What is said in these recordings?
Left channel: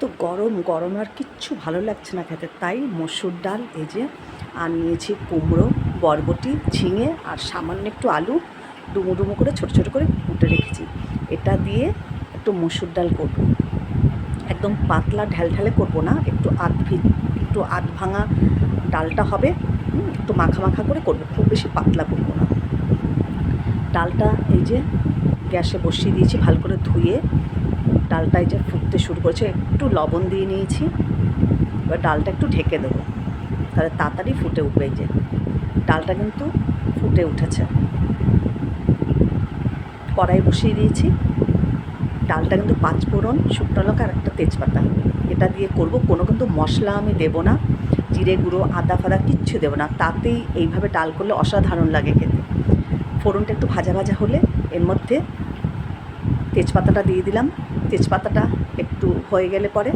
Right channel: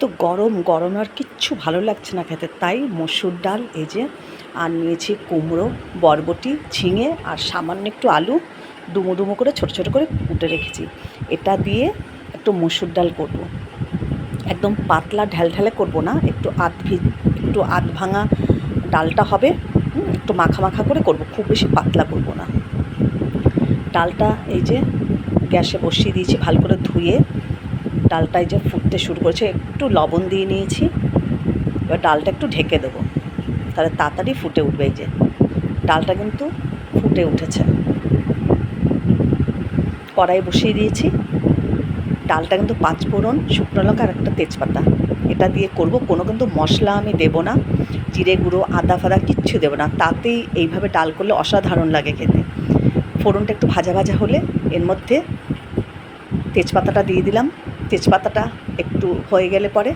এত গরম গরম আর কিচ্ছু ভালো লাগছে না খেতে, তাই মসুর ডাল এই যে আর নিয়েছি কুমড়ো, বরবটি, ঝিঙে আর সামান্য একটু আলু ডুমো ডুমো করে ছোটো ছোটো করে কুটে রেখেছি। এটা দিয়ে একটু মসুর ডাল করব। একদম পাতলা ঢ্যালঢ্যালে করব না, একটু আধ ভাঙা ডালটা হবে, একটু মাখা মাখা করে করব, খুব বেশি পাতলা করব না। ডালটা এই যে গ্যাসে বসিয়ে দিয়েছি, ভালো করে ধুয়ে ডালটা এই যে ফুটতে শুরু করেছে, একটু লবণ দিয়ে নিয়েছি। এবার ডালটা একটু ঢেকে দেবো, তাহলে তাড়াতাড়ি ফুটে উঠবে। এই যে ডালটা কিন্তু ফুটে উঠেছে। কড়াই বসিয়ে দিয়েছি, ডালটা কিন্তু 5 ফোড়ন, শুকনো লঙ্কা আর একটা তেজপাতা এটা দিয়ে করব। কোনো কিন্তু মশলা আমি দেবো না, জিরে গুঁড়ো, আদা ফাদা কিচ্ছু দেবো না, তাতেই এইভাবে ডাল করলে অসাধারণ লাগে খেতে। ফোড়নটা একটু ভাজা ভাজা হলে এর মধ্যে তেজপাতাটা দিয়ে দিলাম। তেজপাতাটা একটু হয়ে গেলে পরে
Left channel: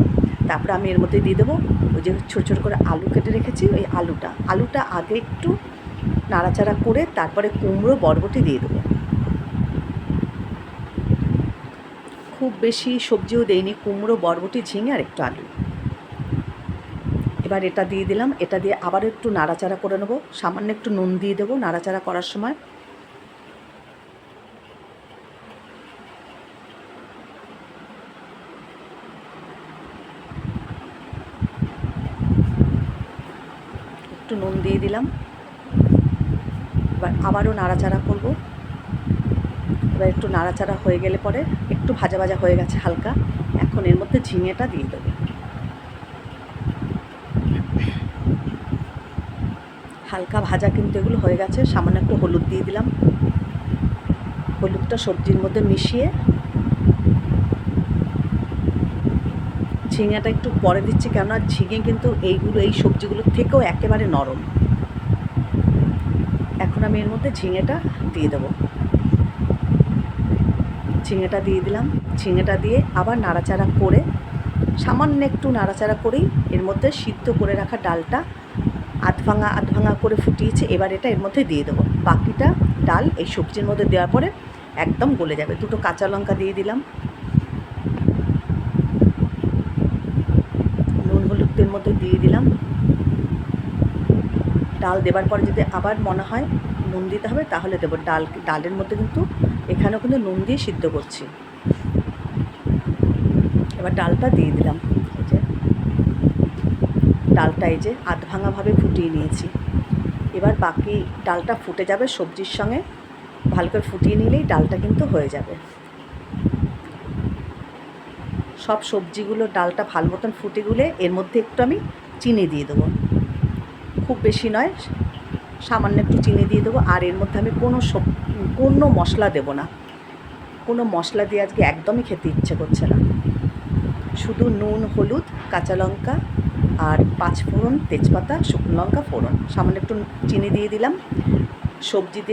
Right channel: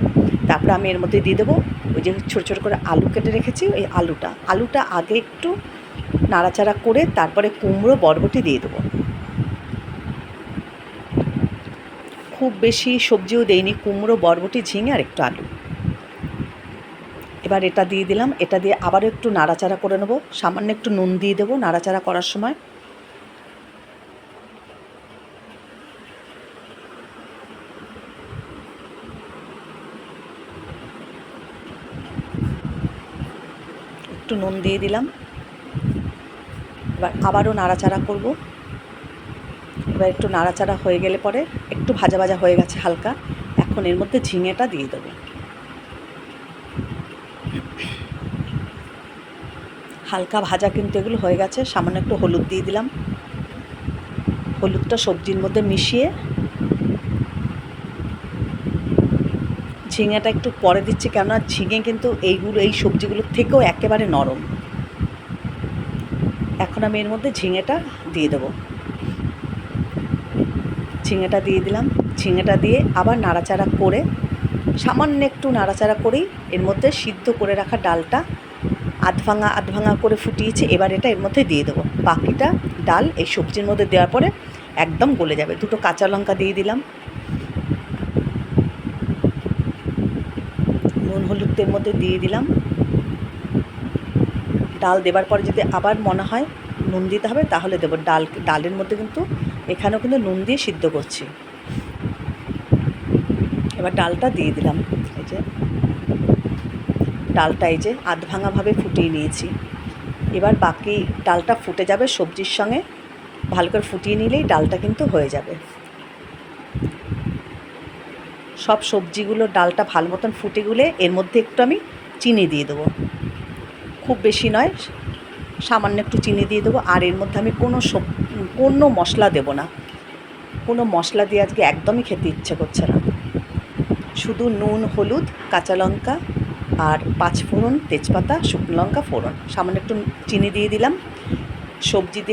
তারপরে আমি এর মধ্যে দিয়ে দেবো ওই যে ছোটো ছোটো করে আলু কেটে রেখেছি, ওই আলুটা আগে একটু নাড়াচাড়া করে তারপরে কুমড়ো বরবটি দিয়ে দেবো। খুব বেশি সবজিও দেইনি, কুমড়ো, বরবটি, ঝিঙে আর একটু আলু। এবার এটা দিয়ে দিলাম, এটা দিয়ে আবারও একটু নাড়াচাড়া করে নেবো। সামান্য একটু নুন দিয়ে দেবো নাড়াচাড়া করার সময়। একটু নুন দিয়ে দিলাম, এবার আবারও নাড়াচাড়া করব। এবার একটু নাড়াচাড়া হয়ে গেলে পরে একটু ভাজা ভাজা হয়ে গেছে হালকা, এখন এর মধ্যে ঝিঙেটা দিয়ে দেবো। হালকা ভাজা কিন্তু এগুলো হয়ে গেছে। সামান্য একটু হলুদ দিয়ে দিলাম, হলুদটা সবজির মধ্যে মিশিয়ে, ঝিঙেটা একটু পরে দিচ্ছি, কেননা ঝিঙে কিন্তু এই সবজিগুলোর থেকেও একেবারে নরম। এখন আমি এর মধ্যে ঝিঙেটা দিয়ে দেবো। ঝিঙেটা দিয়ে দিলাম, ঝিঙেটা দিয়ে আবার নাড়াচাড়া করে, সামান্য একটু নাড়াচাড়া করেই এর মধ্যে সিদ্ধ করে রাখা ডালটা আধ ভাঙা করে ফুটিয়েছি। এবার এটা এর মধ্যে দিয়ে দেবো। বাকিটা ডাল এই সবজির মধ্যে দেওয়ার পরে একদম গলে যাবে। 2টো কাঁচা লঙ্কা দিয়ে দিলাম, নুন হলুদের মধ্যে দিয়ে দিলাম। ডাল দেবার পরে যদি আবার মনে হয় নুন দিতে হবে তাহলে দেবো। ডালের মধ্যে কিন্তু এখানেও কিন্তু নুন দিয়ে সিদ্ধ করছি। এবার ডালটা দিয়ে দিলাম। এই যে ডালটা এই যে আধ ভাঙাভাবে ফুটিয়ে নিয়েছি। এবার বাকি ডালটা ফুটে যাবে সবজির সঙ্গে, ভালো করে ফুটিয়ে নিলেই ডালটা কিন্তু হয়ে যাবে। সব সবজিগুলো ডালটা ভালো মতন ফুটে গেলে এর মধ্যে একটু আমি চিনি দিয়ে দেবো, খুব বেশি নয়, সামান্য একটু চিনি দিয়ে দেবো। আর এর মধ্যে আমি কোনো মশলা দেবো না, কোনো মশলা দিয়ে আজকে একদমই খেতে ইচ্ছে করছে না। শুধু নুন, হলুদ, কাঁচা লঙ্কা আর 5 ফোড়ন, তেজপাতা, শুকনো লঙ্কা ফোড়ন, সামান্য একটু চিনি দিয়ে দিলাম। সবজি দিয়ে